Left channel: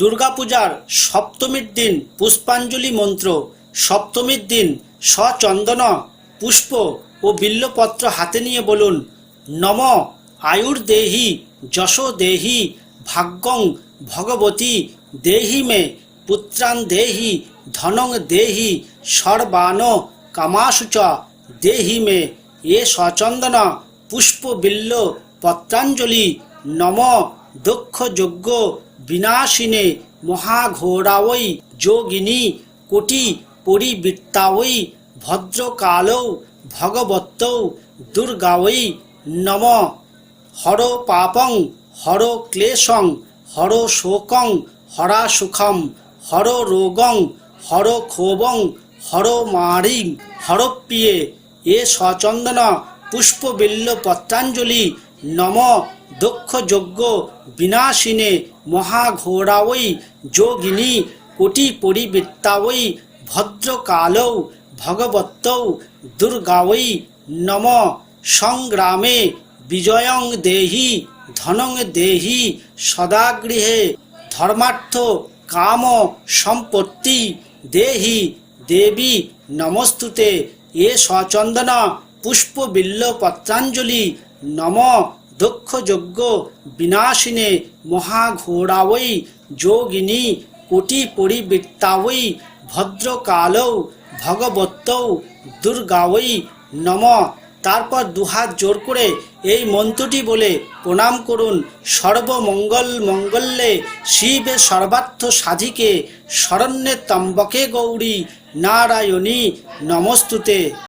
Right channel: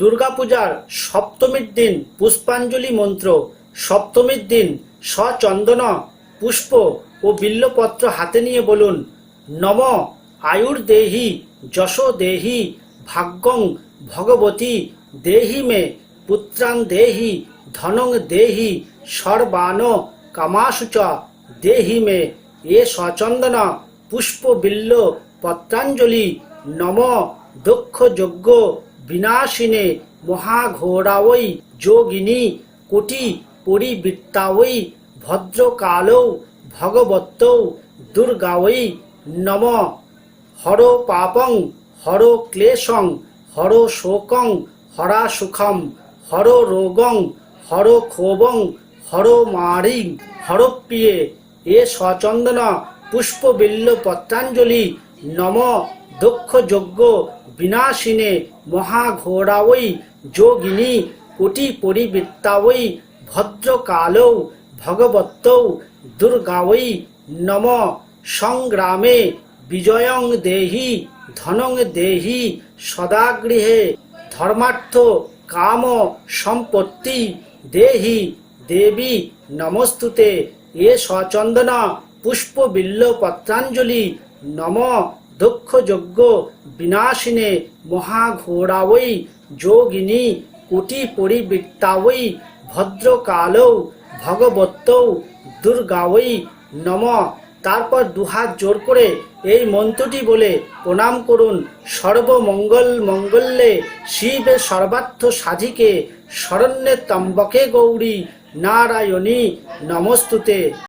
দুর্গাপূজার সপ্তমীর দিন পুষ্পাঞ্জলি মন্ত্র। সপ্তমীর দিন সচন্দন পুষ্প ও বিল্বপত্র হাতে নিয়ে বলুন, নম আয়ুর্দেহি যশো দেহি ভাগ্যং ভগবতী দেহি মে পুত্রান দেহি ধনং দেহি সর্বান কামাশু চ দেহি মে। এ সচন্দন পুষ্প বিল্ল পত্রাঞ্জলি নম দক্ষ যজ্ঞ বিনাশিনে মহাঘোরাওই যোগিনী কোটি পরিবৃত্তাওই ভদ্রকালৌ ভগবত্যৌ দুর্গাওই নম। হর পাপং হর ক্লেশং হর শোকং হরা সুখম হর রোগং হর ক্ষোভং হর মারিং হরপ্রিয়ে। এ সচন্দন পুষ্প বিল্ল পত্রাঞ্জলি নম দক্ষ যজ্ঞ বিনাশিনে মহাঘোরাওই যোগিনী কোটি পরিবৃত্তাওই ভদ্রকালৌ ভগবত্যৌ দুর্গাওই নম। সংগ্রামে বিজয়ং দেহি ধনং দেহি সদাগৃহে ধর্মার্থ কাম সম্পত্তি দেহি দেবী নমস্তুতে। এ সচন্দন পুষ্প বিল্ল পত্রাঞ্জলি নম দক্ষ যজ্ঞ বিনাশিনে মহাঘোরাওই যোগিনী কোটি পরিবৃত্তাওই ভদ্রকালৌ ভগবত্যৌ দুর্গাওই নম। তারপর দুহাত জোর করে এই মন্ত্রটি বলে প্রণাম করুন। সর্বমঙ্গল মঙ্গলে শিবে সর্বার্থ সাধিকে শরণ্যে ত্র্যম্বকে গৌরী নারায়ণী নমস্তুতে।